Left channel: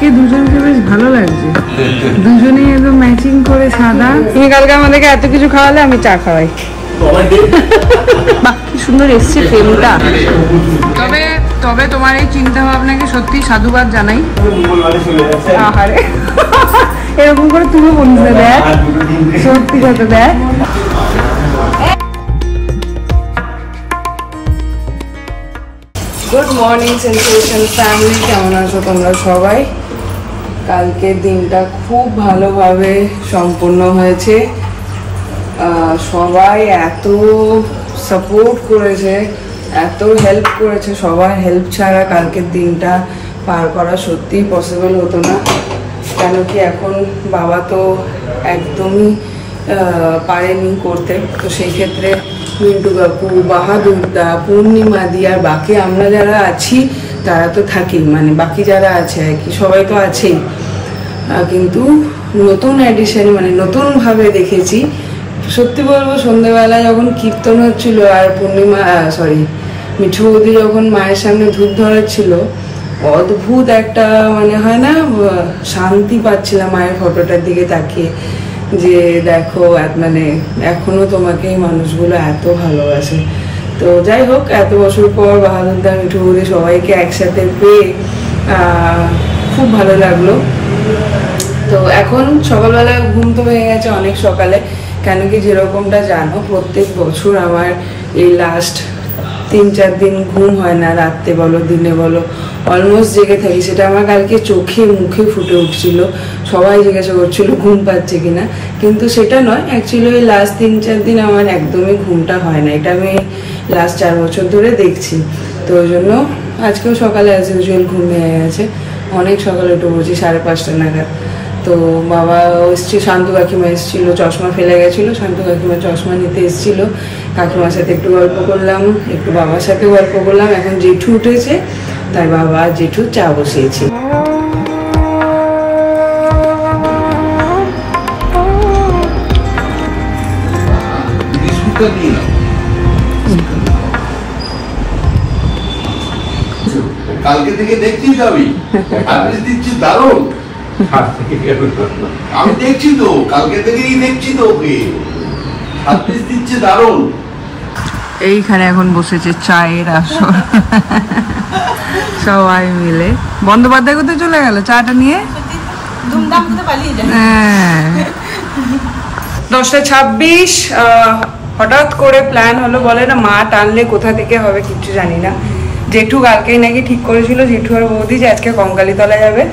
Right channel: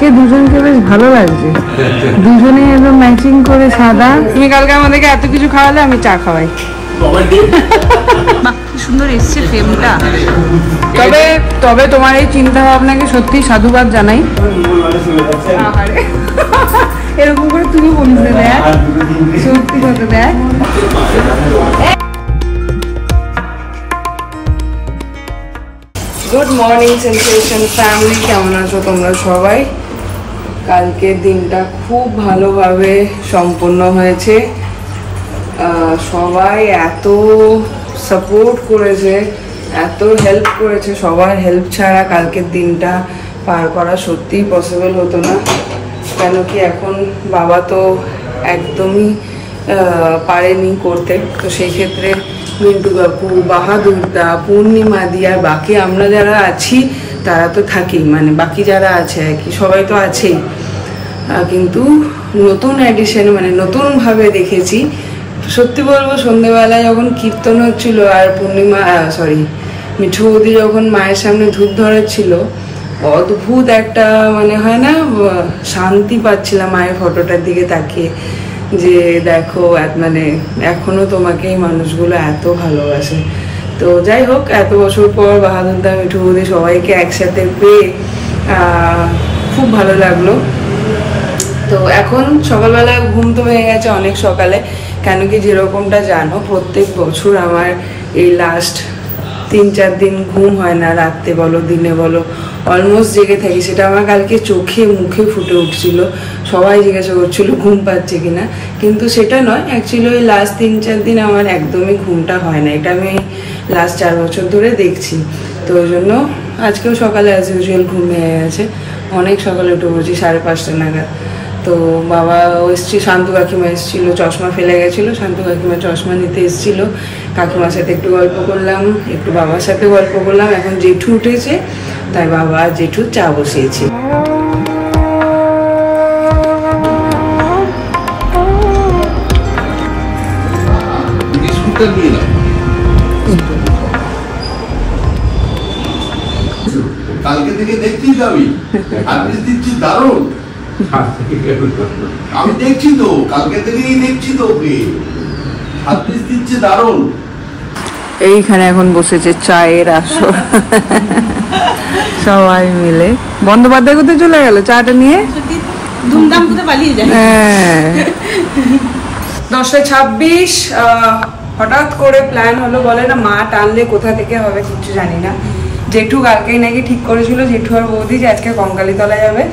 আজকে দুজনকে বেশ ভালো লাগছে, দুজনে একদম ম্যাচিং করে সাদা। তুমি কালকে আমাদেরকে এত কিছু খাওয়ালে, আমি চা খাওয়াই। বাহ, কি সুন্দর এসছে ফ্রেমটা। তবে তবে তোমার এই চিন্তা ভাবনাকে সত্যি সাধুবাদ জানাই। এরকম করে তুমি বন্ধুদের দেয়, সত্যি কথা দেয়। গুড মর্নিং সেন্সেশন ফ্যামিলি, কেমন আছো তোমরা সবাই? কালকের দিনটা খুব ভালোভাবে সম্পূর্ণ হয়েছে। সবাই এত সাপোর্ট করেছে, এত হেল্প করেছে। সবার হেল্প ছাড়া কালকের দিনটা পার করা সত্যিই পসিবল হতো না। কেন কি এখন বাবা তো একদমই পারেনি করতে। তো সেই ক্ষেত্রে মিন্টু কাকু, বাহাদুর দা, পূর্ণিমা দি আর বাকি আমরা যারা আছি তারা তো থাকেই, মানে বাকি যারা আছে আর কি সবাই তো আছেই। কিন্তু নতুন এডিশন, মানে নতুন ভাবে দেখেছি। সত্যি বলবো, সন্ধ্যেবেলায় যখন কীর্তন হচ্ছিল আর পূর্ণিমা মিঠু বৌদি যখন মায়ের সামনে ধূপ ধরেছিল, অদ্ভুত একটা মানে হয় না, শান্তি পাচ্ছিলাম মায়ের ফটোটার দিকে তাকিয়ে, যে দেখো মানে এখনো তোমাকে এই মানুষগুলো এত ভালোবাসে। তো যাই হোক, এত বছর পর বাহাদুর দা, মিঠু বৌদি সবাইকে একসাথে পেয়ে খুব ভালো লাগলো। তো এখন সকালবেলা ঘুম তো হয়ে গেছে অনেক সকালে। কেন কি যেরকমটা জানো, প্রত্যেক বছর আমার এই লাস্ট 3-4 দিন ঘুম হয় না, রাতে বলো দিনে বলো, অলমোস্ট জেগে থাকি। সেটা আমার কালকে চোখে মুখে ফুটে উঠছিল। সবাই জিজ্ঞাসা করছিল ঘুম পাচ্ছে কিনা, কিন্তু সেটা নয়। অ্যাকচুয়ালি ওই লাস্ট 3-4 দিন আমার একদমই ঘুমটা হয় না। এটা আমি লাস্ট 4 বছর ধরে দেখছি। তো ওই জন্য আজকেও সকালে অ্যাজ ইউজুয়াল ঘুম হয়ে গেছে। অনেক সকালে উঠে বলছি 5:30 নাগাদ। তো বাবা এসছে, শান্তু কাকিমা এসেছিল, চশমা ফেলে গেছিল, শান্তু কাকিমা চশমা নিতে এসেছিল। কাকিমার সাথে একটু গল্প করলাম, একটু বাবার সাথে গল্প করলাম। এখন জেঠু উঠেছে, তাই বাবা আর জেঠু চা বসিয়েছে। কালকে থেকে দেখছি আমি দিচ্ছি দারুণ। আমি দেখছি তো, কালকে থেকেই দেখছি তো, ওকে হাতপিস দিচ্ছে দারুণ। এইখানে এখন বসেছে চায়ের আসর, সবাই মিলে। বন্দ্যোপাধ্যায় কোথায় চলে গেল চাটা নিয়ে? হ্যাঁ, 10:26। হঠাৎ করে প্ল্যান হলো, বলে না মা টানলে কোথা থেকে হবে কিছু জানি না। জেঠু কালকেই নাকি ঠিক করেছিল, জেঠু আর বৌদি, যে আজকে কঙ্কালীতলা যাবে।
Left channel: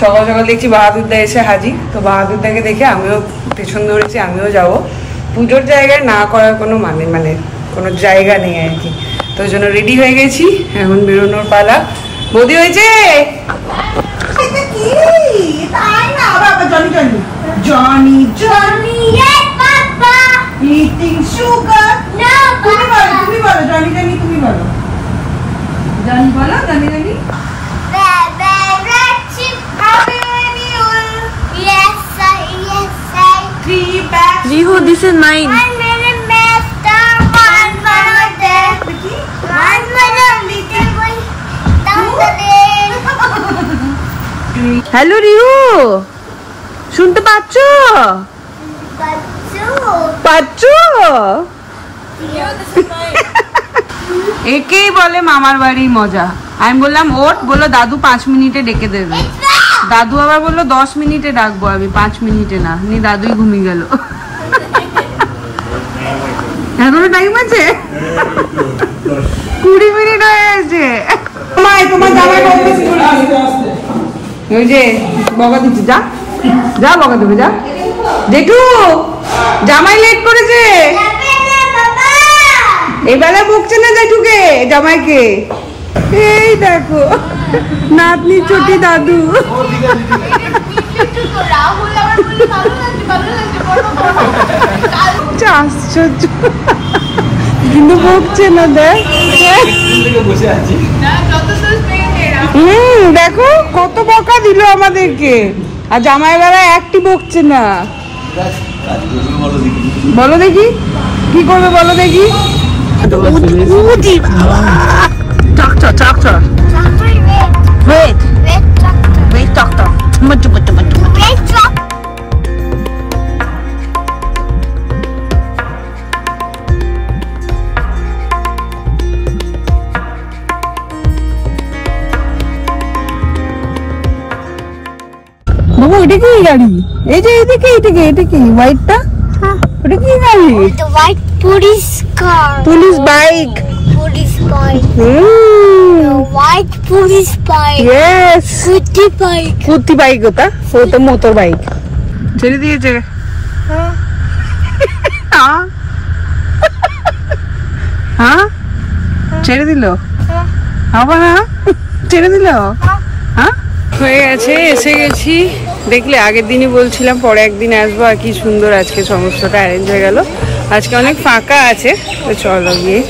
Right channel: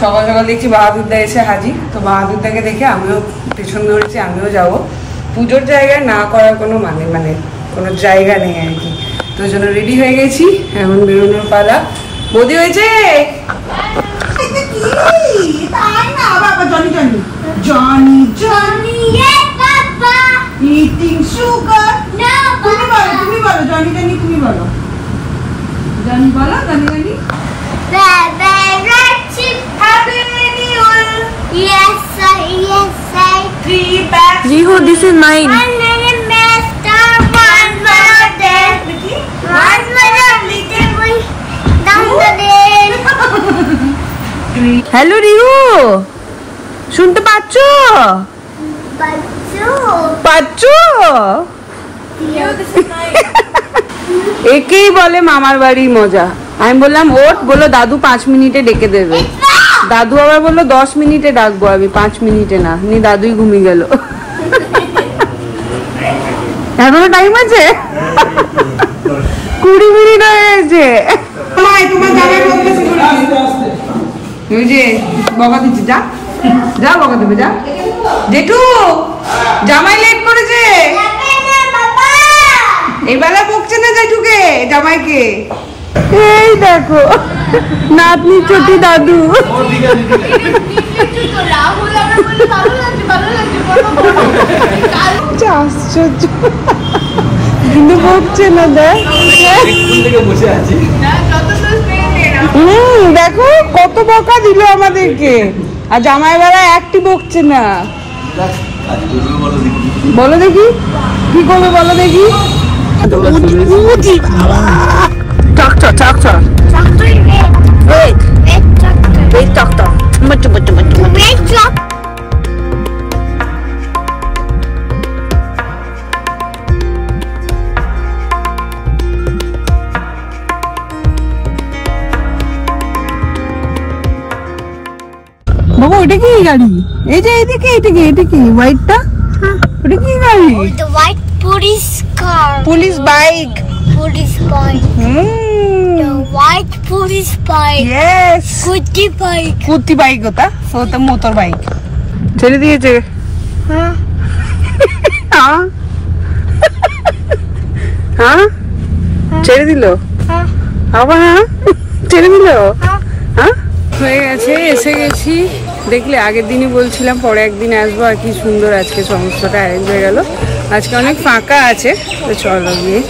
সকাল সকাল দেখছি বাহাদুরদা এসে হাজির। তো বাহাদুরদাকে দেখে আমিও পেছন ধরেছি, আমিও যাব। পুজোর জায়গায় না করার কোনো মানে কোনো জায়গা নেই আর কি। তো ওই জন্য রেডি হয়ে গেছি, এখন বেরোনোর পালা। বৌদি হয়েছে? This is mine. Hello Rihu, শুনতে পাচ্ছ? একেই বলে মামার বাড়ির মজা। আমি বললাম ওঠ, বললো দাদু 5 মিনিটে ডেকে দেবে। দাদু আবার বললো 10 মিনিটে ডাকবো আমি, 5 মিনিটে না। নি দাদুই ঘুমিয়ে গেল। এখনো টাইম আছে, 20 মিনিট হয়ে গেছে। ওই যে বকা দিচ্ছি, যা যা বকা দিবি, যা। জেঠু জামাই লেট করেছে, এবেলা বকছে না জেঠুকে, জামাইকে। এই দেখো নাতনি ছোটি দাদু। দেখো কত বকা দিল আমাদেরকে, আর জামাই বেলা একটি বকছে না। বলো দেখি কি করবে, বলো দেখি। Doctor. Wait, doctor. বাবা ওটা কি গাড়ি? এই যে এইদিকে এটা কি হোয়াইটটা? ওটা কি গাড়ি? The white police car. Police bike. Police bike. The white police bike. Yes, Scooty bike. কুত্তি বাইক ওটা, ও তো মোটর বাইক। ছেড়ে দিয়েছে। হ্যাঁ ছেড়ে দিল আবার, ছেড়ে দিল। হ্যাঁ হয়ে গেছে, এসে গেছি। দেখলে আগের দিনই বলছিলাম পরে একদিন আসবো, আর কি সুন্দর আজকে সমস্তটা অ্যারেঞ্জ হয়ে গেল। আজকে অনেক ফাঁকা আছে, তো চলো গিয়ে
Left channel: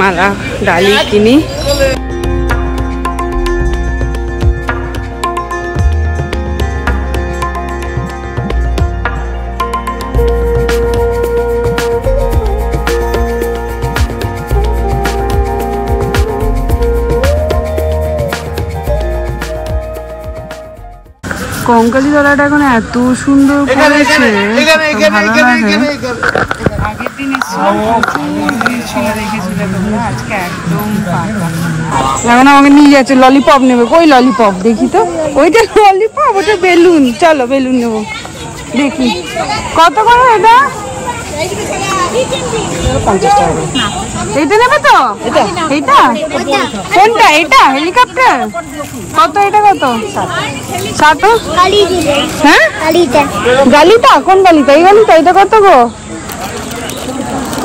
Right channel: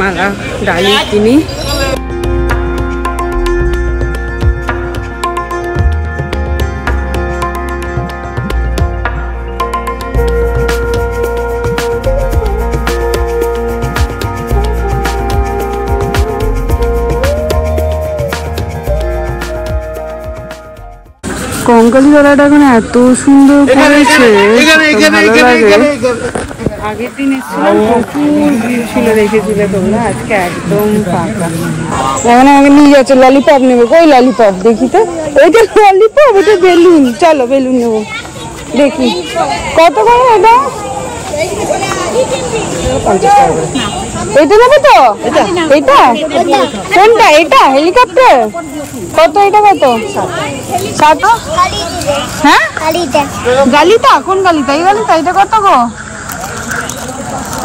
মালা ডালি কিনি। কঙ্কালি তলাটা এখন এত সুন্দর করেছে, ভালো লাগে। আগের দিন এসেছিলাম প্রচুর ভিড় ছিল, দেখেছিলে তোমরা, আজকে একদম ফাঁকা। এখন আমাকে নিয়ে যাচ্ছে, ললিপপ নেবে। কই ললিপপ দেখি তো? ওইটা ললিপপ, ওটা বেলুন। চলো বেলুন নেবো, দেখি কত করে এটা। 50 টাকা। এইটা নেবে তো? এইটা কোনটা? এটা হেলিকপ্টার কত? এটা কত? 7। হ্যাঁ গালিটা কোন গালিটা? এই গালিটা? এটা কত গো?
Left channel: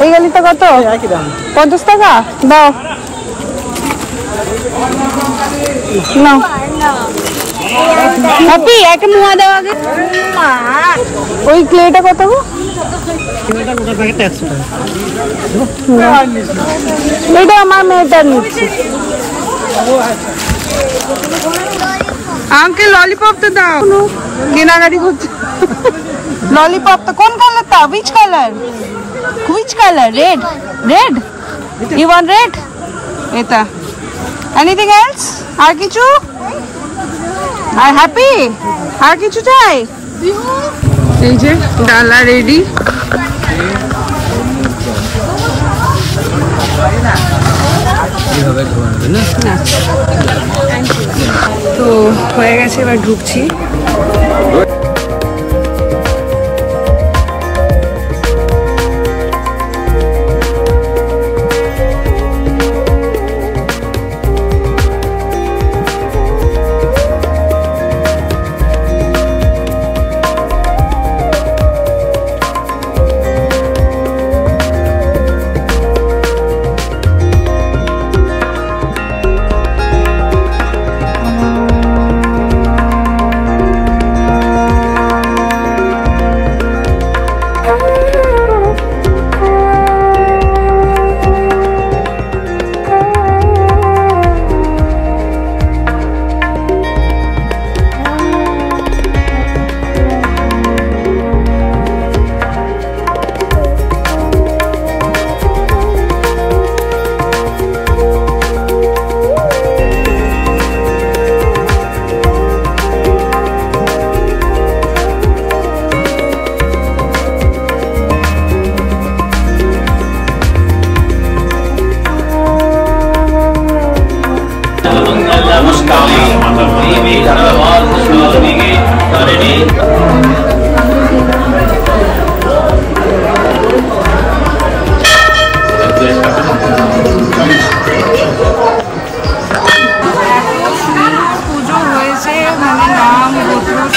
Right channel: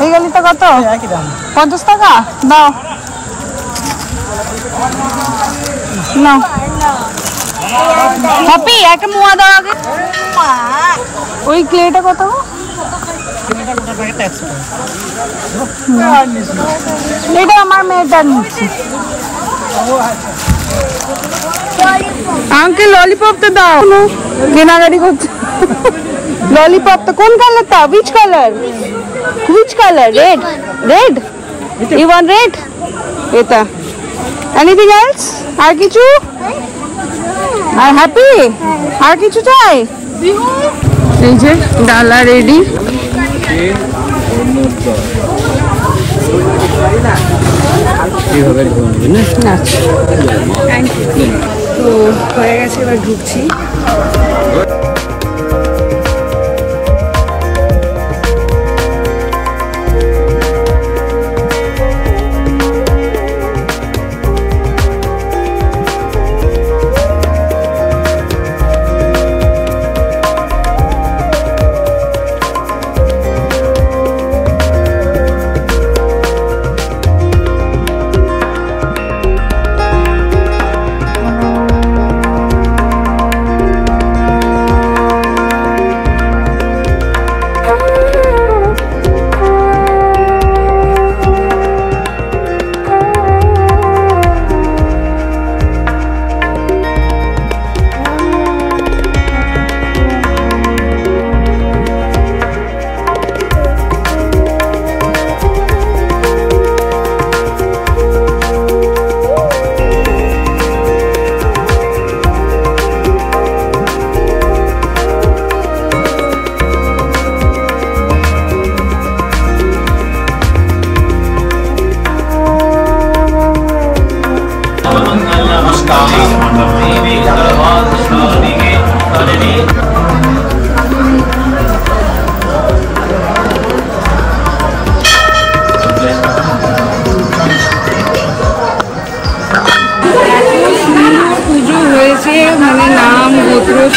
এই গালিটা কত? 50 টাকা দাও। নাও হ্যাপি, একটা মুয়া দাও আগে। ওই ক্লেটা কত গো? এটা আমার মেয়েটার নিচ্ছি। আঙ্কেল ললিপপ তো দাও, কেনাকাটি করছে। ললিপপ তো কোন কালারটা? Which colour? Which colour? Red? Red? You want red? এটা। Anything else? আর কিছু? আর হ্যাপি? আর কিছু চাই? এই যে ডালা রেডি। তো হয়ে গেছে, এবার ঢুকছি।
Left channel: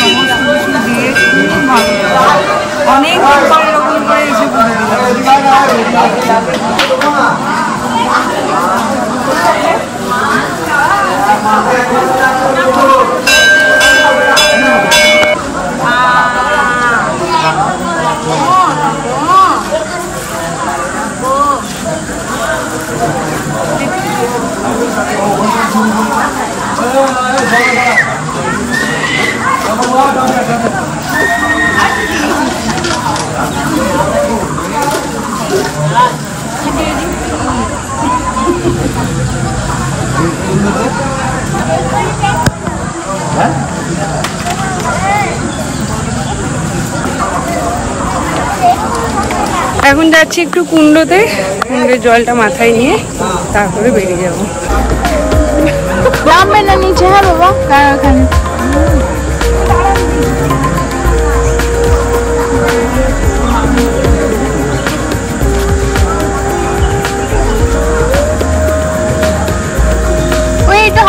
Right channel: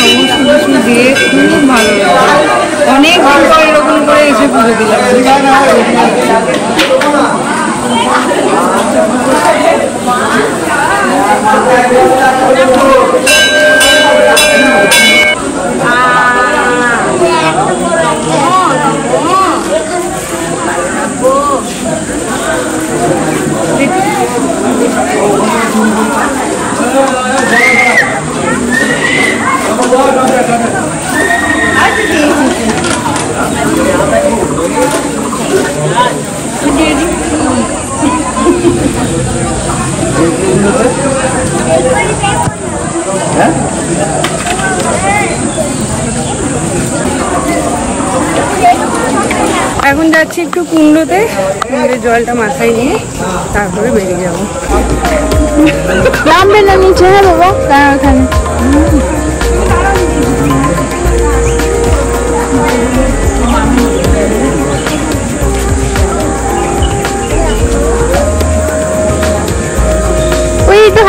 সমস্ত কিছু দিয়ে খুব ভালো লাগে। অনেক দিন পর এরকম করে এসে পুজো দিলাম। এখন যাচ্ছি একটু কুণ্ডতে, কুণ্ডের জলটা মাথায় নিয়ে তারপরে বেরিয়ে যাবো। নামবে না নিচে? হ্যাঁ বাবা, ওখানে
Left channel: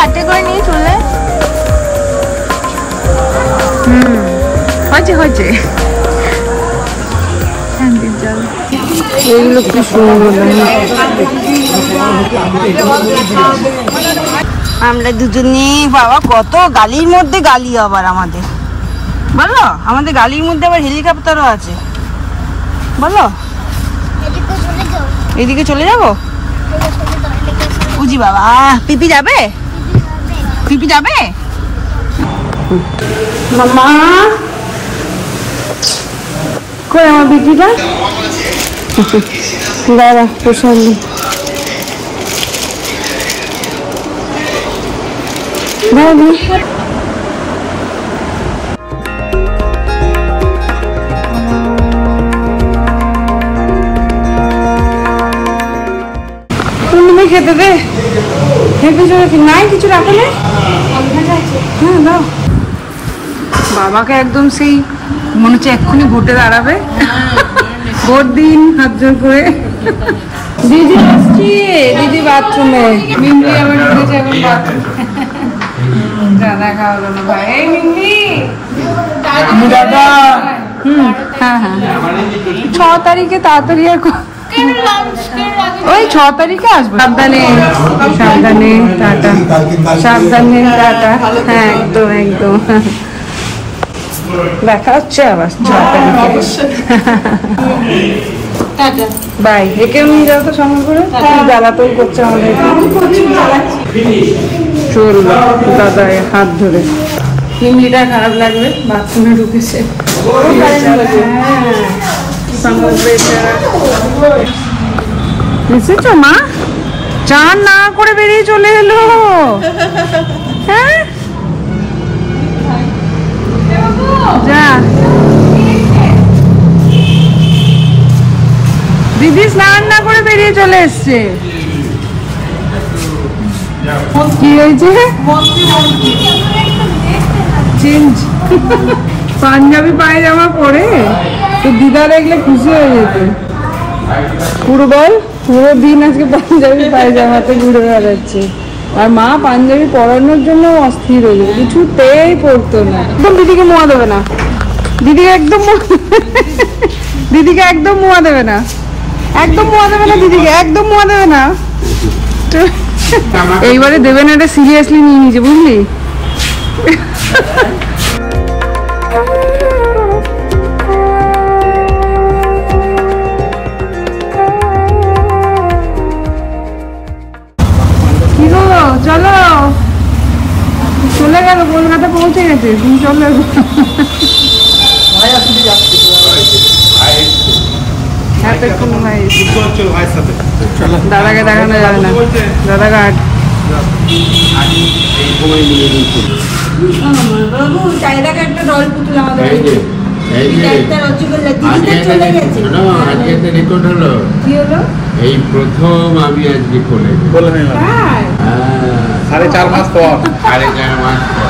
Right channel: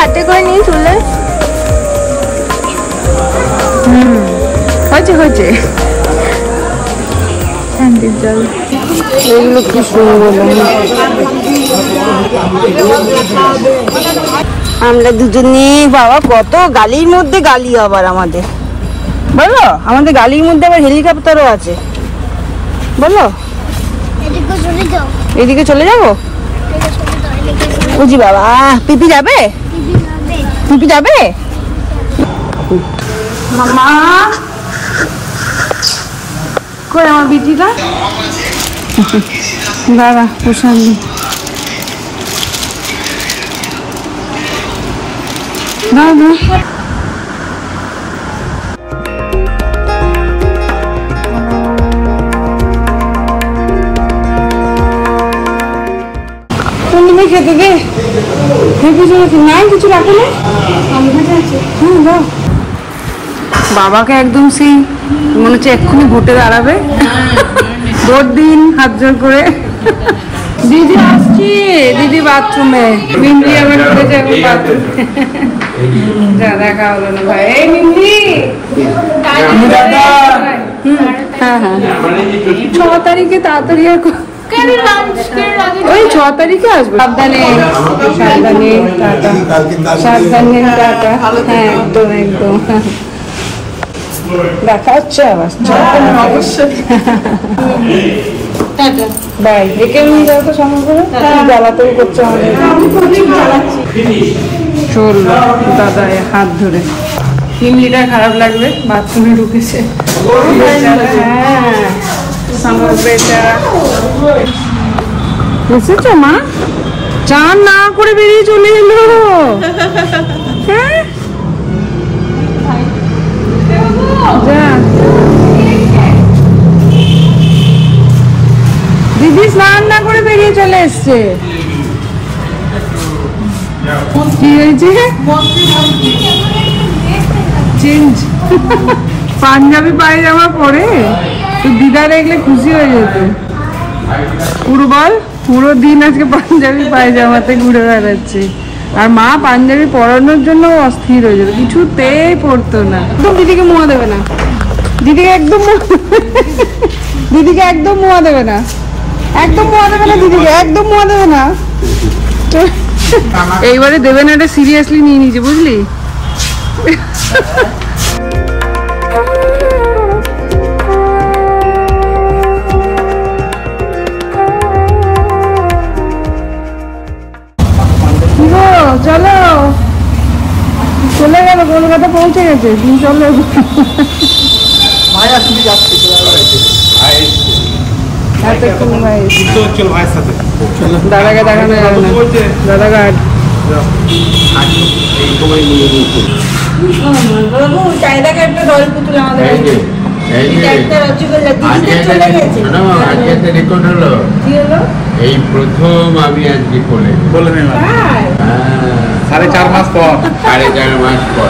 হাতে করে নিয়ে চলে হয়েছে ওইগুলো কি সুন্দর লাগে। আমরা দুজনে বাবা কত গালির মধ্যে গালি আবার আমাদের বলো, আমাদের গালির মধ্যে আবার হেলিকপ্টারও আছে বলো। এদিকে চলে যাবো বুঝি বাবা। পিপি যাবে, পিপি যাবে মামা। কই আমার পিপিটা? দাঁড়া প্রশান্ত খেতে দে। নাই কিছু রাখো না। বাবাকে একদম সেই মনে হচ্ছে এক্ষুনি ভোটে দাঁড়াবে। ভোট দিন হাত জোর করে। দিদি আসছি, দিদি বাথরুমে। মিন্দি আমার উঠেছে এখন বাথরুমে। দাদা খাওয়ালো না ভাই। এই মিন্দি হ্যাঁ হ্যাঁ 6 তারিখে তাড়াতাড়ি আর ওই 6 তারিখে আসবো। সাবধানে সাবধানে টাটা, সাবধানে টাটা। হ্যাঁ একদম একদম দেখা হচ্ছে আবার 6 তারিখে। বাই। একে যাও তো সঙ্গে করে গালাতল করছে আমাদের। চললো দাদা হাত ধরে। হিমলিটা খারাপ লাগবে, বাথরুমে ঢুকেছে। এসেছে মা, চান না করে বেরিয়ে চলে এলো। হ্যাঁ যা দিদি স্নান না করে বেরিয়ে চলে এসছে। কি হয়েছে? চেঞ্জ পাঞ্জাবি পায়জামা পরে তো দিদা দেখলে খুশি হয়ে যেত। পুরো বল, পুরো দিন আজকে পাঞ্জাবি পায়জামাতে ঘুরে বেড়াচ্ছে। আর মা পাঞ্জাবি পরানোর জন্য অস্থির হয়ে যেত, কিছুতেই পড়তো না। একদম দিদিকে মোয়া দেবে না, দিদিকে একদম দিদিকে একদম মোয়া দেবে না, একদম মোয়া দেবে না, দিদিকে একদম মোয়া দেবে না। এইবারে দেবে না, এটা সিরিয়াসলি নিয়ে নিয়েছে বুঝলি। চলো চলে গেল, কলকাতা পৌঁছে গেছে। চলে দাদাকে দেখানো যাবে না, দাদা ঘাট। চাহিদাকে একটা দল পুতুল আমাদের এই প্রথম আমি আজকে কোলে 4.5 মাস পর। 4.5 মাস পর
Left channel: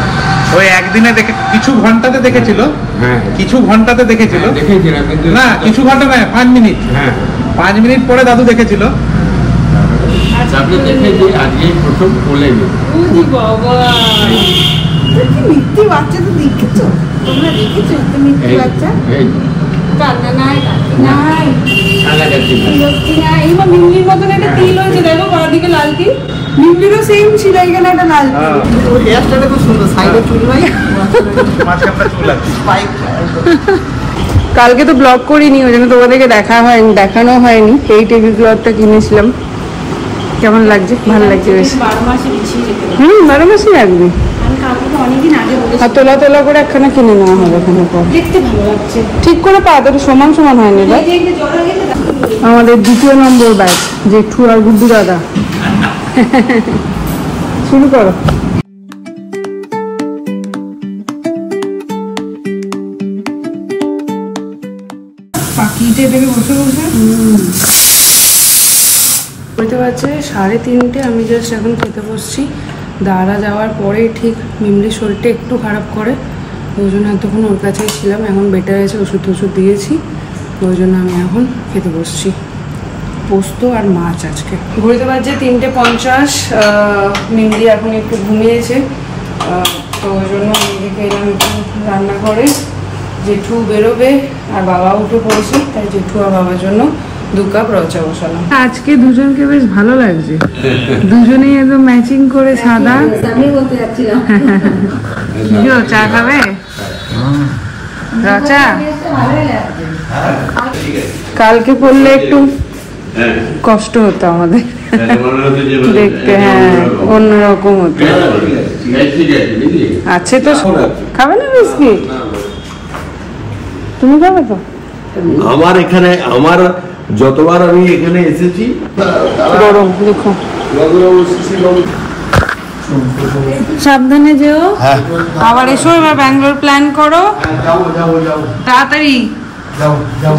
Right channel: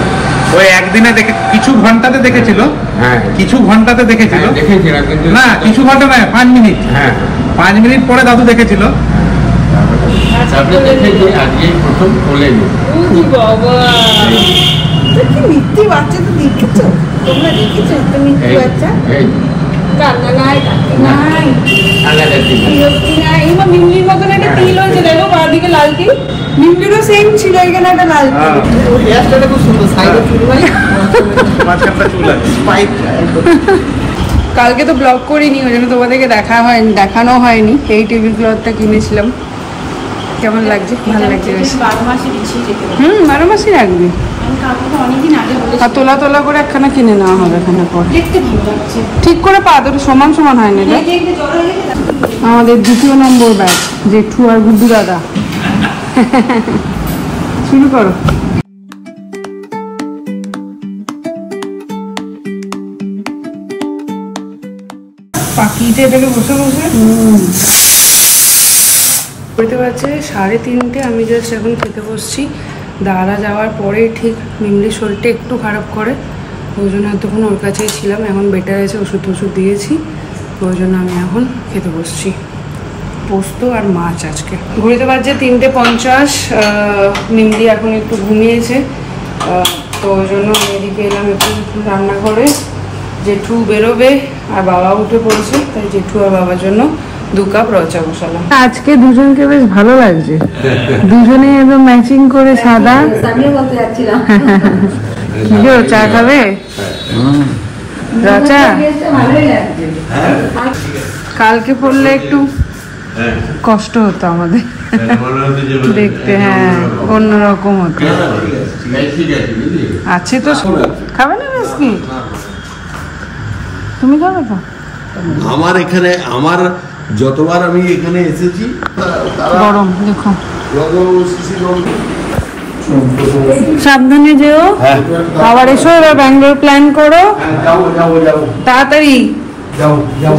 ওই একদিনে দেখে কিছু ঘন্টাতে দেখেছিল। হ্যাঁ কিছু ঘন্টাতে দেখেছিল, দেখেছিলাম কিন্তু না কিছু ঘন্টা নয় 5 মিনিট। হ্যাঁ 5 মিনিট পরে দাদু দেখেছিল। তারপরে দেখেছি আজকেই প্রথম কোলে নি। মিথ্যে বাচ্চা তো দেখেছো তোমরা, দেখেছো তো মিথ্যে বাচ্চা? কান্না নাই, নাই মিমলির মতন একটা তিল হয়েছে দেখো, বাঁদিকে লাল তিল। মিমলিরও সেম ছিল, এখানে একটা লাল তিল। হেয়ারস্টাইলটা খুব সুন্দর, সাইডে চুল ভাই। কালকে তো ব্লগ করিনি, ওই জন্য তোমাদেরকে দেখানো হয়নি। এই টেবিল ক্লথটা কিনেছিলাম, কেমন লাগছে? ভালো লাগছে বেশ। 12 মাসই রাখবি। আর তোলা তোলা করে একখানা কিনে নেওয়া হবে এখানে পর। ঠিক করে পা দুটো সমান সমান হয়নি দেখ। আমাদের 2 নম্বর ব্যাগ, জেঠু আর গুড্ডু দাদা। শুরু করো। পাখিতে এটাকে বসে বসে বুঝতে পারছে 3:30। আমি জাস্ট এখন খেতে বসছি। দাদা যাওয়ার পরে ঠিক মিমলির শরীরটা একটু খারাপ করে, ওই জন্য এতক্ষণ ওর কাছেই ছিলাম। এখন বেটার আছে, ওষুধ টষুধ দিয়েছি, ওই জন্য আমি এখন খেতে বসছি। পোস্ত আর মাছ আজকে। ঘুরতে পারছে 3:50। মিন্দি এখন একটু ঘুমিয়েছে, তো ওই জন্য মিন্দিকে এলাম একটু রান্নাঘরে। জেঠু বেরোবে আর বাবা উঠে পড়েছে, তাই জেঠু আর বাবার জন্য 2 কাপ রচা বসালাম। আজকে দুজনকে বেশ ভালো লাগছে, দুজনেই একদম ম্যাচিং করে সাদা। কি চা খাবে? রচা কালকে পড়লে একটু কষ্ট হতো আমাদের দেখতে, হ্যাঁ অন্যরকম হতো। আছে তো, খাবে না বিস্কিট? তুমি খাবে তো? আমার এখানে, আমার যতবার আমি এখানে এসেছি গরম দেখো। সাবধানে যেও, আবার এসো। এবার ব্যাঙ্গালোর প্ল্যান করো তাড়াতাড়ি।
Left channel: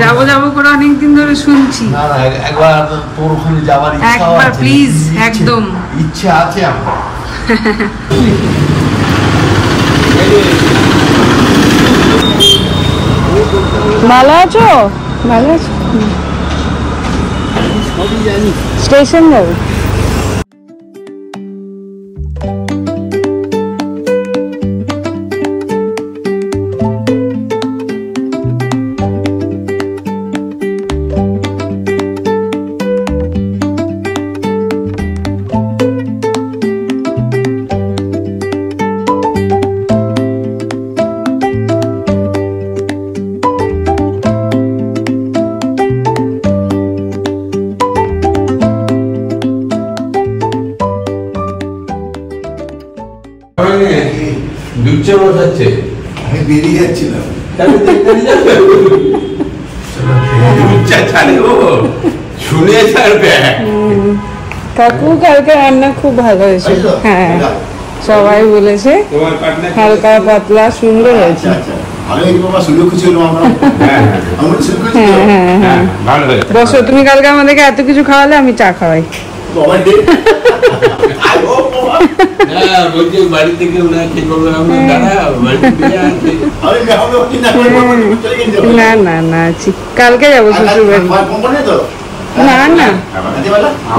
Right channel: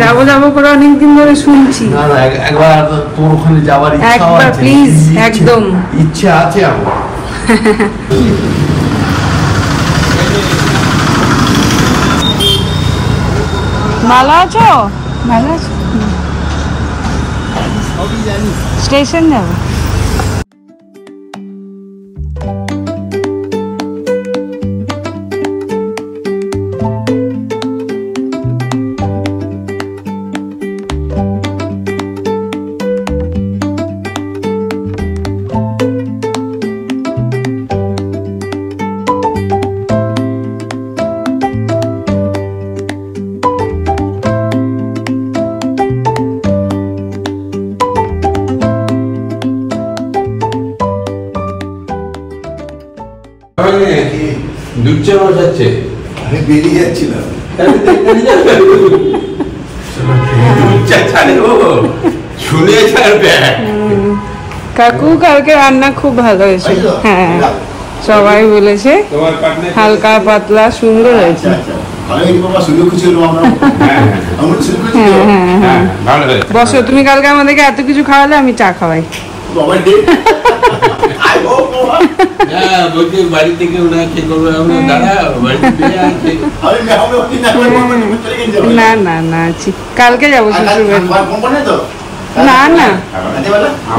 যাবো যাবো করে অনেকদিন ধরে শুনছি। একবার তোর ওখানে যাবার একবার প্লিজ, একদম ইচ্ছা আছে আমার। ভালো আছো? ভালো আছো? স্টেশন যাবে। আমি বেরিয়ে যাচ্ছিলাম। কাকু কালকে রান্না খুব ভালো হয়েছে, হ্যাঁ সবাই বলেছে হালকা পাতলা সুন্দর হয়েছে। বসো, তুমি কালকে আমাদেরকে এত কিছু খাওয়ালে, আমি চা খাওয়াই। বাড়ি থেকে না না না আছি, কালকে যাবো শ্বশুর বাড়ি। না না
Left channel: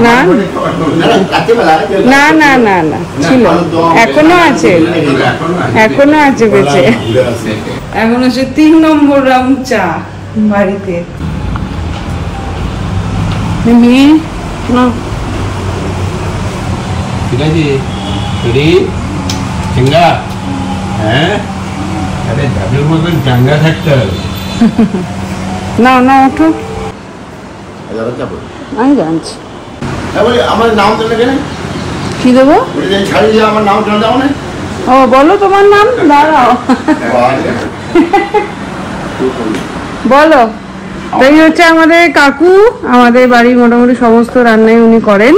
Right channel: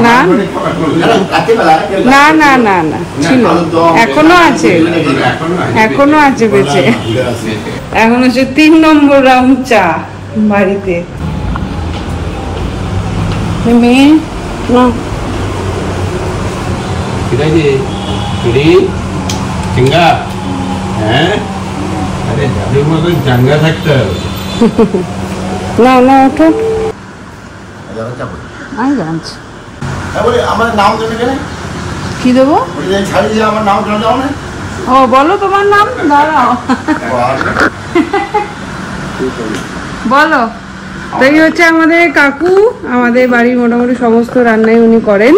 না না না না না ছিল, এখনো আছে, এখনো আছে বেঁচে। এখন হচ্ছে 3 নম্বর রাউন্ড চা বাড়িতে। মেয়ে ঠিক আছে চিঙ্গা, হ্যাঁ আরে যাদের মতন চাঙ্গা থাকতে হবে। না না ওঠো, আমি জানছি। আমার নাম তো এখানে কি দেবো? আমার নাম কেন দাও না? ও বলো তোমার নাম, দাঁড়াও বলো। তাই হচ্ছে আমাদের কাকু আমাদের বাড়ির মোটামুটি সমস্ত রান্নাই উনি করেন।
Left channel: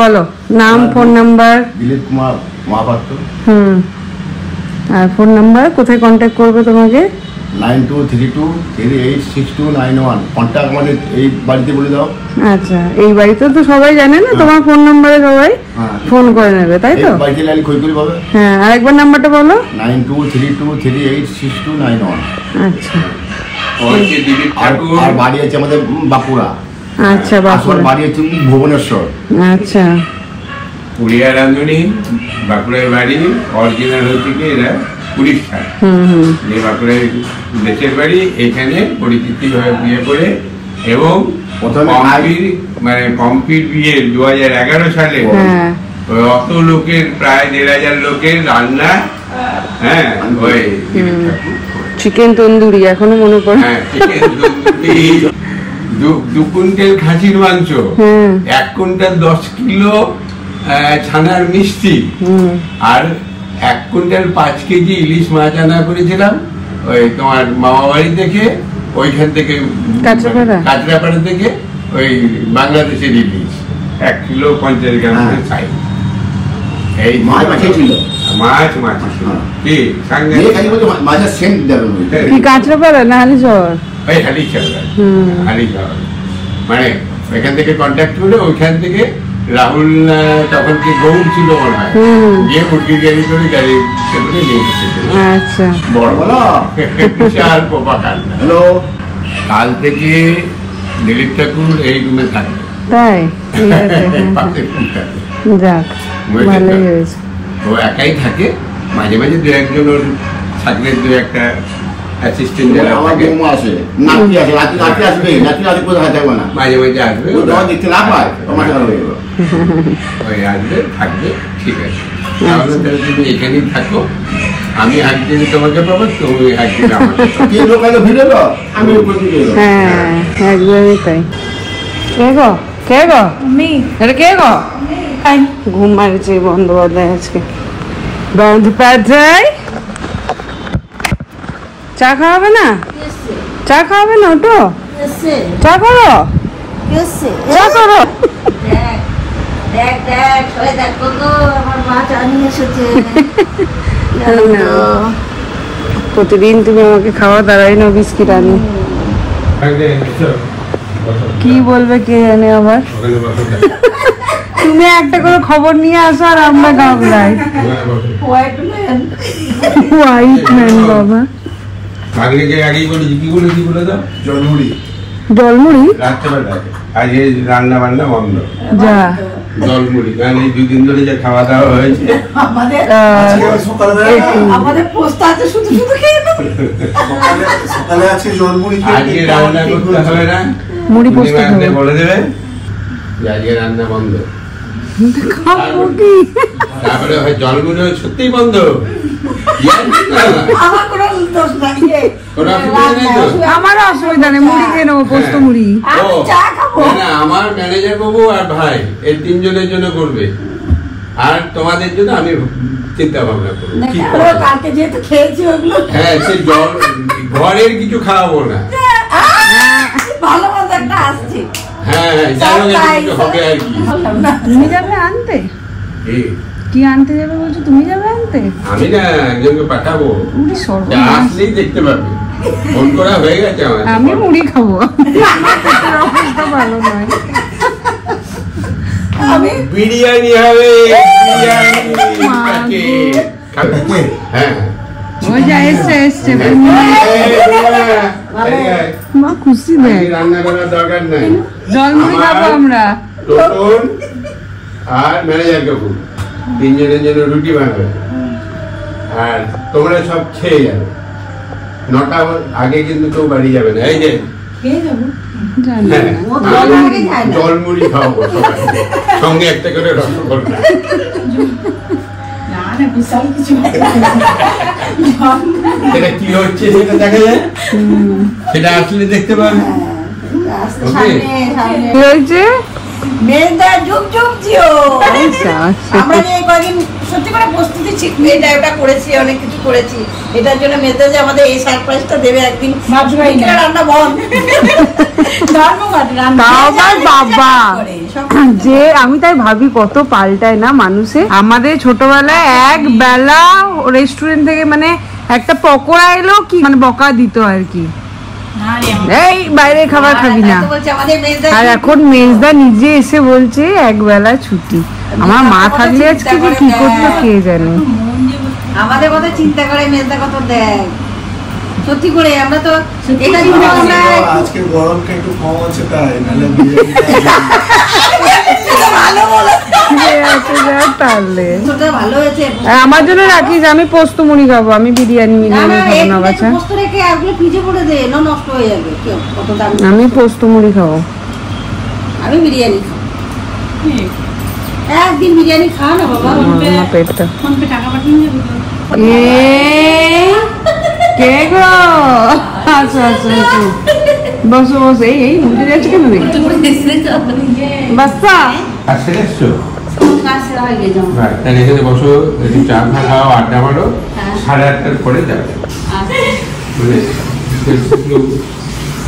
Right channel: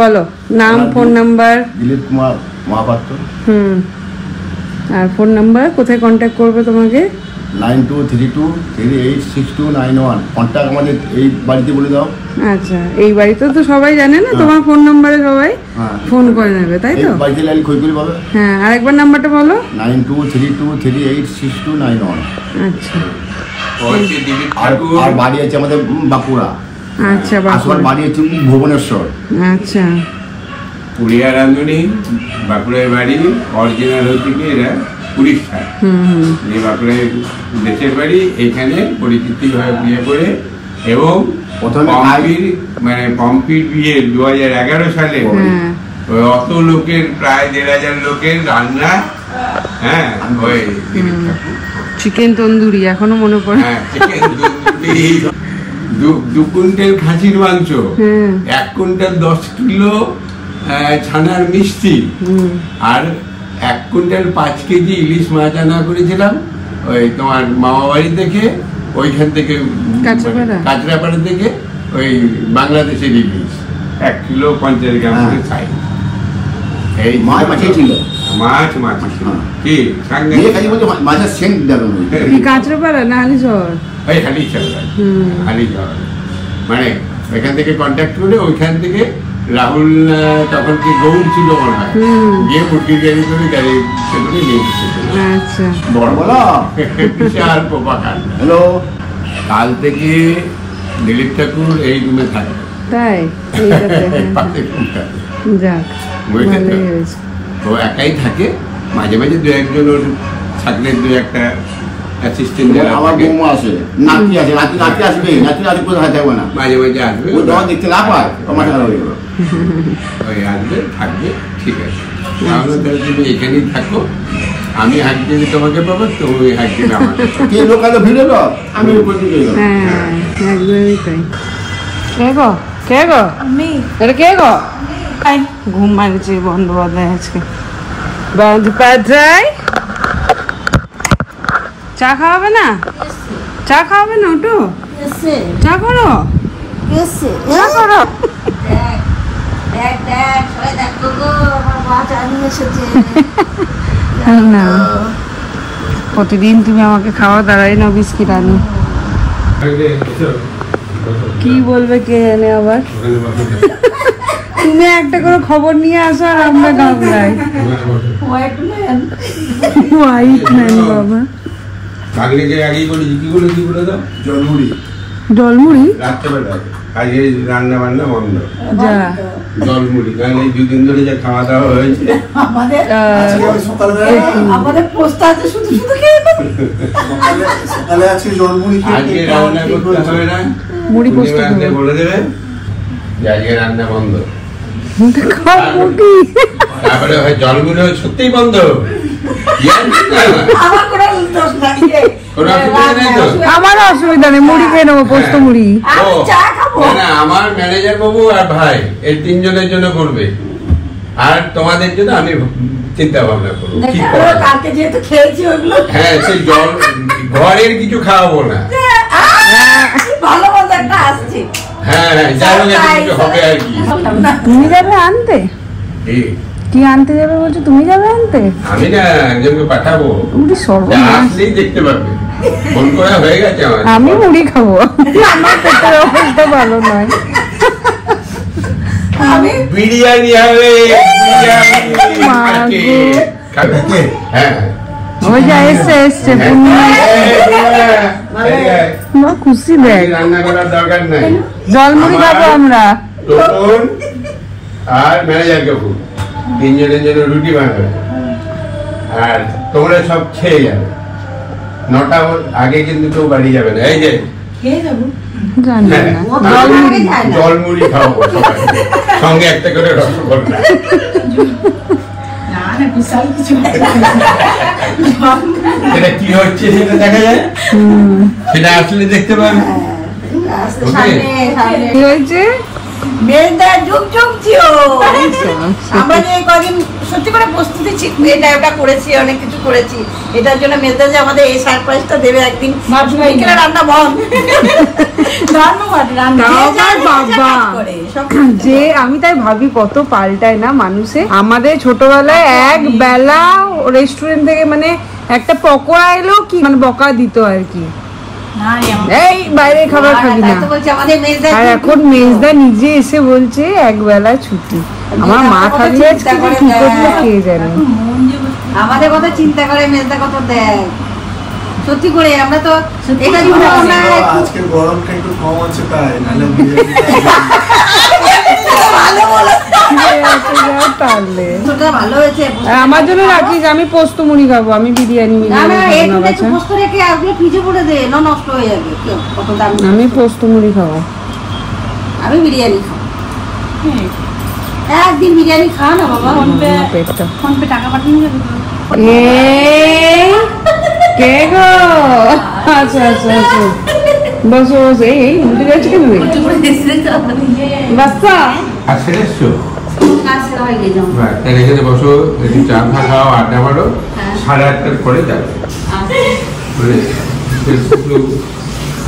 বলো নাম, ফোন নাম্বার। দিলীপ কুমার মহাপাত্র। আর ফোন নাম্বার, কোথায় কন্ট্যাক্ট করবে তোমাকে? 9232386291। কন্ট্যাক্ট আমাদের এই বাড়িতে বলে দাও। আচ্ছা, এই বাড়িতে তো সবাই জানে না তোমার ফোন নাম্বারে সবাই ফোন করে নেবে, তাই তো? বাড়িতে লাইন খই করে বলো। হ্যাঁ, আরেকবার নাম্বারটা বলো। 9232386291। আচ্ছা, আর বাড়ি আছে আমাদের বাঁকুড়া। আচ্ছা, বাঁকুড়ার বাড়ি হচ্ছে ভুবনেশ্বর। আচ্ছা, পুরিয়া রাঁধুনি, বাঁকুড়ার বাড়ি। অরিজিনাল হচ্ছে কি এরা উড়িষ্যা, যে বাঁকুড়ার দেশের বাড়ি, এখানে পরিচিতি বিয়ে করে। এবং মানে পম্পির বিয়ে 2011 সালে অত লোকের, প্রায় 1500 লোকের রান্না। হ্যাঁ, ওই চিকেন তন্দুরি এখনো মনে পড়ে। হ্যাঁ, চিকেন তন্দুরি, 2 কুইন্টাল খাসির মাংস, 1 কুইন্টাল 10 কিলো ছানার মিষ্টি, আর 1 কুইন্টাল 5 কেজি ইলিশ মাছ আনা করেছিলাম ওই তোমার মামা বাড়ি থেকে, ওইখান থেকে কাঁচরাপাড়া থেকে, ওই বাংলাদেশের ইলিশ 1 কিলো 50 গ্রাম করে চাই। এই মাছ কাঁচরাপাড়া না হালিশহর? ওই হালিশহর, মানে এখান থেকে কন্ট্যাক্ট করে ওইখান থেকে রাহুল তখন কি গৌড় ছিল মনে হয়, গিয়ে মুরগির গাড়ি করে সেগুলো নিয়ে এসেছিল। আচ্ছা, বড় বিশাল পোপা কান্না। কাল থেকে দিলীপ ঠাকুর এই রুমে থাকে। তাই পাশে ফুলটাতে যাক বুঝেছো তো? ভালোই হয়েছে। ও একাই থাকে, মাঝে মাঝে দু একজন ওর থাকলে দু একটা অ্যাসিস্ট্যান্ট যারা আমার থাকে বৌমা আছে, নাতি আছে, নাতি আসবে, নাতি কোথায় থাকবে না, মাঝে মাঝে আসবে, ও যখন দেখতে না পায় আমার সাথে হয়ে গেল। ওই আসবে থাকবে, ঠিক আছে। তাহলে তাহলে তুমি এখানেই থাকো, আমি একদিন তোমাকে পাবো, তুমি একদিন আমাকে পাবে। কে দোকানে ভিড়ে তো আমি উপর দিকে এলাম। হ্যাঁ একদমই তাই। কে গো কে গো এটা কে গো? ঘুম মারছে বন্দ্যোপাধ্যায় আজকে। বন্দ্যোপাধ্যায় চা খাওয়াবে না? চা খাওয়াবে না? ওটো চা করো, চা করো। প্রতিদিন তুমি আমাকে খাওয়া দাঁড়াই না বিস্কিট আনো। কি বলবে কে জানে আমার। তুমি একটা করে খবর নিয়ে আসো আর আমরা ঝগড়াই। হোয়াইট ম্যান বাবা। আগেকে আগেই বলেছি, কি বলে দাও? জলমুড়ি জলমুড়ি রাত্রেবেলায় আজকে রান্না বান্না বন্ধ, যা জলমুড়ি, কারণ এই দুদিন ধরে যে খাওয়া দাওয়া হয়েছে। আমাদের পোস্ট আছে, শুধু শুধু খেয়ে সকালে আছে জলমুড়ি আজকে রান্না করতে হবে না, মুড়ি পোস্ত পূর্ণিমাতে বলে দেবে যে আজকে রান্না বন্ধ। খাবো কি? তারপরে হয় জলমুড়ি সত্যিই বন্ধ। আমার কোনো দোষ নাই রে। কোনো অসুবিধা নেই তো? আমার অসুবিধা নেই, মুড়ি খেয়ে নেবো, পোস্ত মুড়ি। আমি চা খাবো। না, না, আমার ম্যানেজার বাবু আর ভাই এই তিনজনের জন্য করবে, আর তোমাদের জন্য আমি চিন্তা ভাবনা করবো ঠিক ওরা কালকে যেহেতু খেয়েছি ওগুলো হ্যাঁ, সেই জল ঘরের কিছু খাওয়াবো না। ভালো মতো একটা আসছে। হ্যাঁ হ্যাঁ, জানো কিছু হবে আর কি। তুমি যাবে আনতে? এই, কি আনতে যাবে বলছো? তুমি যাবে আনতে? আমি না একজনকে পাঠাবো, মুড়ি যা সর্বনাশ। আসলেই দেখতে পাবে, ফোন করা হয়ে গেছে আমার। আমি মুড়ি খাবো, আমার পেটের অবস্থা ভালো নয়। আমি বিরিয়ানি হবে, বিরিয়ানি মা আজকে। গো। খাবে? হ্যাঁ ওই যা এসছে এসছে, মা খুশি দেখ। রান্না করার দরকার নাই, জলমুড়ি খাবো আমরা। তখন আর ম্যানেজার কাকু তিনজনের জন্য রুটি বানাবে, আর তোমরা সব খেয়ে যাবে। 9টা আগে কিন্তু কেউ বাড়ি যাবে না। এই যে খেয়ে যাবো। জানি হ্যাঁ, না। আমি জলমুড়ি খাওয়াবো সবাই, সঙ্গে একটা করে রসগোল্লা। না না বিশাল কিছু সেটা কি হচ্ছে সেটা দেখা যায়, সেটা আসলে দেখতে পাবে। ওকে? কি হয়েছে? মেয়েটা যুগ যুগ জিও। আচ্ছা, আমরা যে কদিন সত্যি করে প্রস্তুতি ছিল, এটা ওটা করেছি, অনেক কিছু করেছি। এটার জন্য মেয়েটা যে আমাদের এই সারপ্রাইজটা দেবে একদিন, বিকেলে রান্না বন্ধ। ধন্যবাদ রান্না। তাও আবার বাবা। সব যে আমি তাই ভাবি কত পাল্টায় না মানুষে। আমাদের ছোটবেলায় এক বেলা রেস্টুরেন্ট থেকে মানে একটা পকোড়া এলো কি মানে বকা দিত আর কি, না রে, এই বাইরের খাবার খাবি না। তাই তো বলছি, আমাদের মেয়েটা আর এখন মেজদা নিজে এসে বলছে এক বেলা ছুটি। আমার মা থাকলে আজকে যে কি করবো কে জানে। আমাদের কথা চিন্তা করে মেয়েটা কথা দেয়। সত্যি করে আমরা তো এটা আজকে গরমটা একটু কম আছে তাই নাহলে ভালো বলো, তাহলে ওটা ভালো হয়েছে। আমার জন্য রাখিস, আমি পোস্ত মুড়ি খাবো, আমি বিরিয়ানি না না খাবো না বাছা। একটু বস্তু রেখে আগলে পিঠে পড়ে দে, না নষ্ট হয়ে যাবে। কত দাম। আমি পোস্ত মুড়ি খাবো। আমি বিরিয়ানি খাবো। একদিন বিরিয়ানি খা না বাবা। আমার পেটটা ফোন পে টাকা পাঠিয়ে দেবে। কে গো? আচ্ছা আচ্ছা আচ্ছা, বসো বসো। এই উঠে যাচ্ছে কেমনি বাচ্চা? আর সেটা এসছো? কাছে হয়ে গেছে। হ্যাঁ, তাহলে এখানে বসো, একটু চা ফা খাও, আড্ডা মারো, 8:30টার পরে যাবে। মানে একটু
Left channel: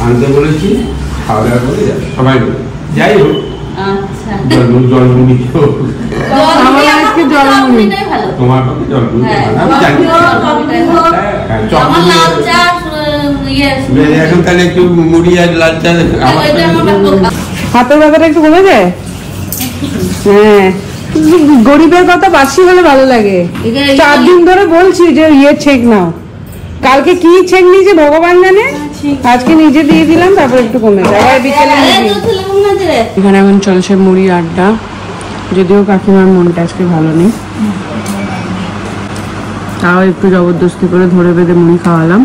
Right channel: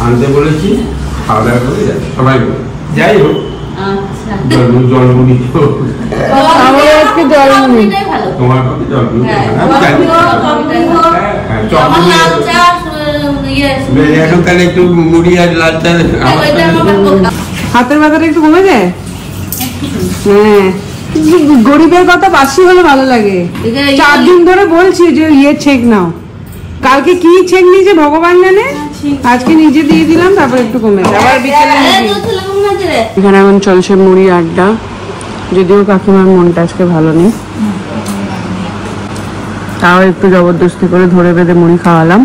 আনতে বলেছি, খাওয়া দাওয়া করে যাবে সবাই মিলে। যাই হোক, আচ্ছা। জলমুড়ি আমার আজকে জলমুড়ি। তোমার কাছে জলমুড়ি খাবে না, আমি জানি। হ্যাঁ, চকমুড়ি এখন তাহলে একটু মুড়ি আর লাল চা আমার হাতের ব্যথাটা একটু কমে যায়। হ্যাঁ, গরিবের কথা বাসি হলে ভালো লাগে। 4 দিন ধরে বলছি যে ইয়ে ছেক নাও, কালকে কি ছেক নিয়েছে ভগবান জানে। আজকে নিজে দিয়ে দিলাম, তারপর একটু কমেছে, আবার বিকেলে এখানে এখন চলছে মুড়ি আড্ডা। যদিও কাকিমার মনটা আজকে ভালো নেই, তাও একটু জবরদস্তি করে ধরে বেঁধে মুড়ি খাওয়ালাম।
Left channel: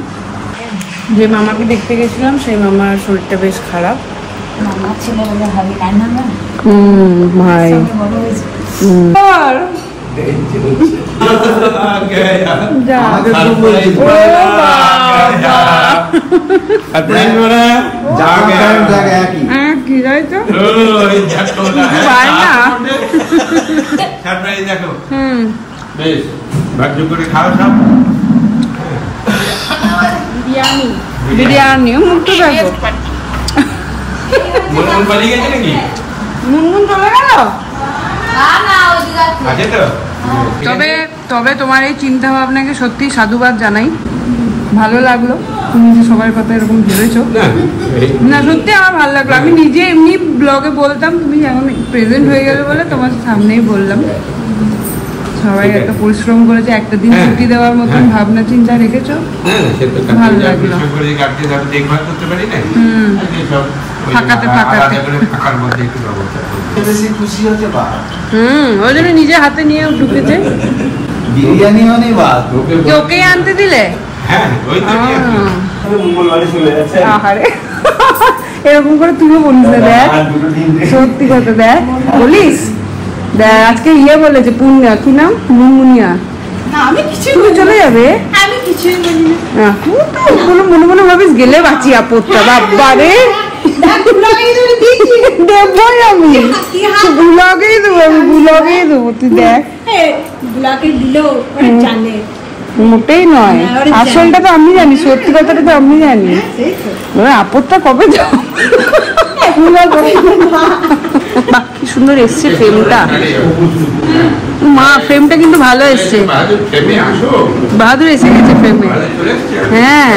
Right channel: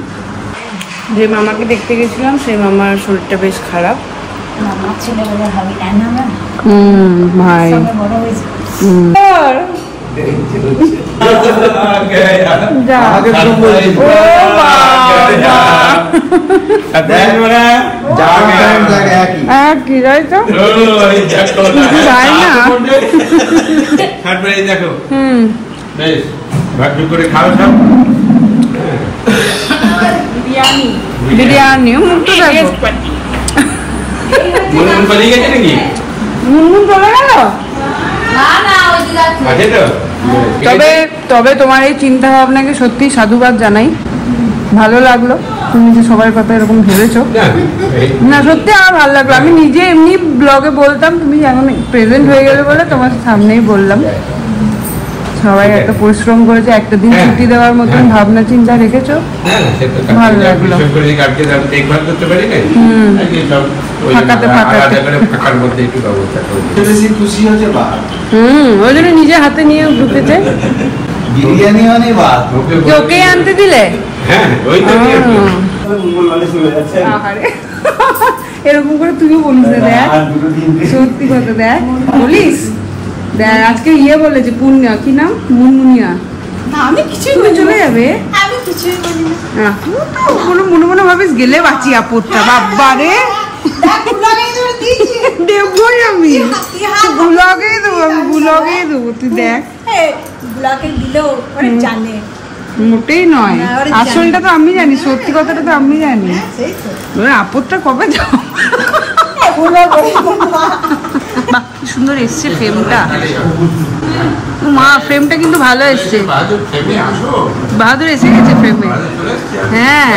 যে মামাকে দেখতে গেছিলাম সেই মামার শরীরটা বেশ খারাপ। ভাই কি যাই তো পাই না। বেশ ভাগ্য করে খাও সব। মুনমুন চলে গেল। তবে তবে তোমার এই চিন্তা ভাবনাকে সত্যি সাধুবাদ জানাই, ভালো লাগলো তুমি যে সবার কথা এরকম ভেবেছো। না সত্যি আমার ভালো লাগলো। আমি নিজে এমনি ব্লগে বলতাম, তুমি এখন প্রেজেন্ট হয়ে গেলে বলে তোমার সামনেই বললাম। সবাই একটা পরিশ্রম করেছে, একটা দিন ছুটি দেওয়ার মতন ভাবনা চিন্তা রেখেছো, ভালো লাগলো। ফাঁকাতে ফাঁকাতে ওই জন্য নিজে হাতে নিয়ে ঢুকেছে। ওকে আনতে দিলে এরকম করে তুইও বলিস, দেখ সত্যি কথা, দেখ বলিস। দেখ আজকে ইয়ে বলেছে পুণ্য, কি নাম, মুনমুনিয়া। আমি কিছু চলে যাবে, আমি কিছুই বলি না। মনে মনে ভাবিস গেলে বাঁচি আপদটা। বাবা রে দেবই আমি, ব্লগেই দেবো, আমি ব্লগেই দেবো, তুই দেখ। ব্লগে দিলেও জানে মোটেই নয়, আসলটা তো আমি জানি, সত্যি কথাটা তো আমি জানি। আপদটা কবে যাও। কি সুন্দর এসছে ফ্রেমটা, মা ফ্রেমটা কিন্তু ভালো এসছে। বাহাদুর এসে গেছে ফ্রেমে। হ্যাঁ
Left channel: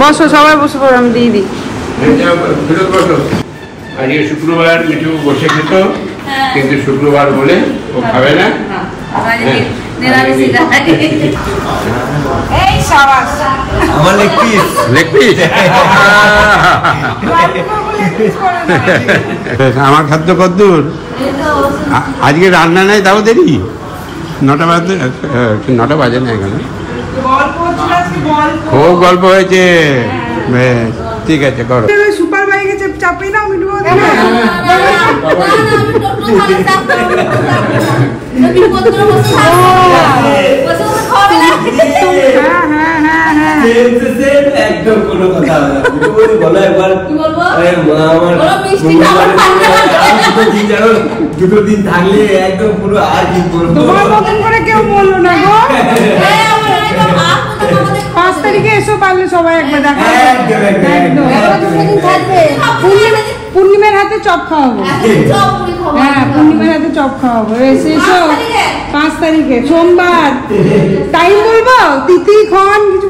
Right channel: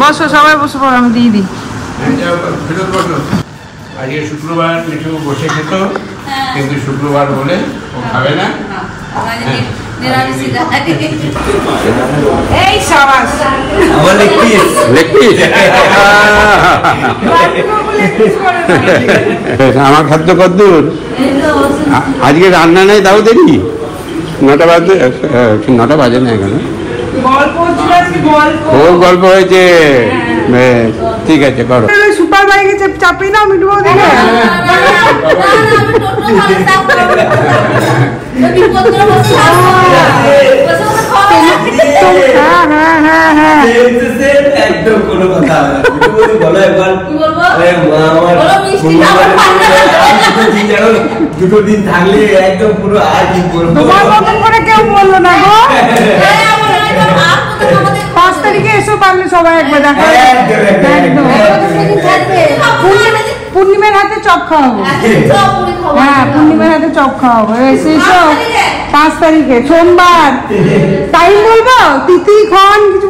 বসো, সবাই বসে পড়ো, আমি দিয়ে দিই। আজকে শুক্রবার কিছু বসে খেত, কিন্তু শুক্রবার বলে ও খাবে না। আমার খাদ্য কদ্দূর আজকে রান্না নাই, তাও দেখি 9টা বাজে, 9টা বাজে না এখানে। খুব গল্প হয়েছে, ঠিক আছে করো। সুপার বাইকে চাপিয়ে দাও মিঠু বৌদি। একদম কোনো কথা দুটো দিন থাকলে একদম পুরো আর কি বলবো, কেউ বললো না। 5 তারিখে এসো, পারলে সবাই একবার দেখা। পূর্ণিমার হাতে চপ খাওয়াবো। হ্যাঁ পূর্ণিমার হাতে চপ খাওয়াবো। এসো 5 তারিখে সোমবার। টাইম বলবো, তিথি খন কিছু।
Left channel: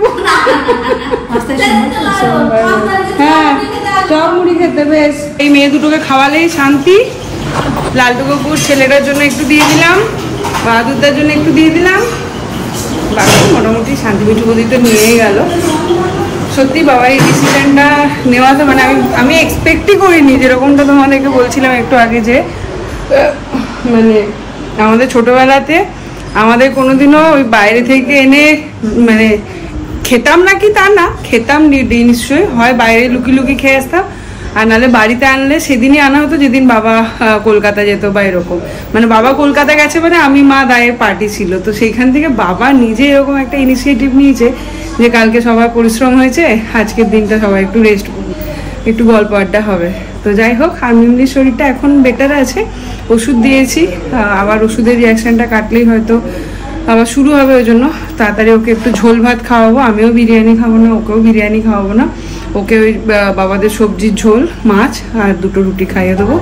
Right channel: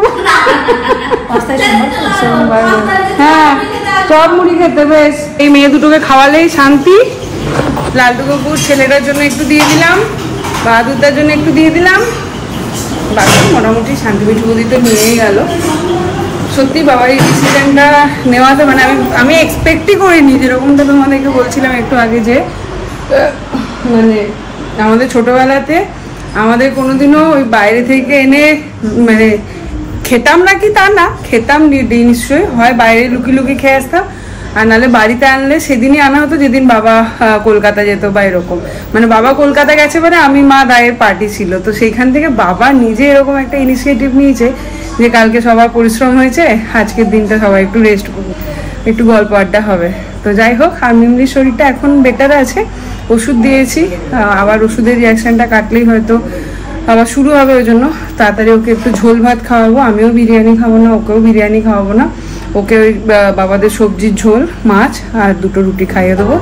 হ্যাঁ চপ মুড়ি খেতে বেশ। এই মেয়ে দুটোকে খাওয়ালেই শান্তি। লালটু কাকুর ছেলেটার জন্য একটু দিয়ে দিলাম, বাহাদুরদার জন্য একটু দিয়ে দিলাম, বাকি মোটামুটি শান্তি। মিঠু বৌদি তো নিয়েই গেল। সত্যি বাবার এই ডিসিশনটা নেওয়াতে মানে আমি এক্সপেক্টই করিনি, যেরকমটা তোমাদেরকে বলছিলাম একটু আগে, যে মানে আমাদের ছোটবেলাতে আমাদের কোনোদিনও ওই বাইরে থেকে এনে মানে খেতাম না, কি তা না, খেতাম নিশ্চয়ই, হয় বাইরে লুকিয়ে লুকিয়ে খেয়ে আসতাম, আর নাহলে বাড়িতে আনলে সেদিনই আনা হতো যেদিন বাবা কলকাতা যেত বা এরকম। মানে বাবা কলকাতা গেছে মানে আমি মা দায়ের পার্টি ছিল, তো সেইখান থেকে বাবা নিজে এরকম একটা ইনিশিয়েটিভ নিয়েছে যে কালকে সবার পরিশ্রম হয়েছে, আজকের দিনটা সবাই একটু রেস্ট করবো, একটু গল্প আড্ডা হবে। তো যাই হোক, আমির শরীরটা এখন বেটার আছে, ওষুধ দিয়েছি, আবার ওষুধের রিয়াকশানটা কাটলেই হয়তো আবার শুরু হবে। ওই জন্য তাড়াতাড়ি ওকে একটু ঝোল ভাত খাওয়াবো। আমিও বিরিয়ানি খাবো না, ওকেও বিরিয়ানি খাওয়াবো না, ওকে ওই বাবাদের সবজির ঝোল, মাছ আর 2টো রুটি খাইয়ে দেবো।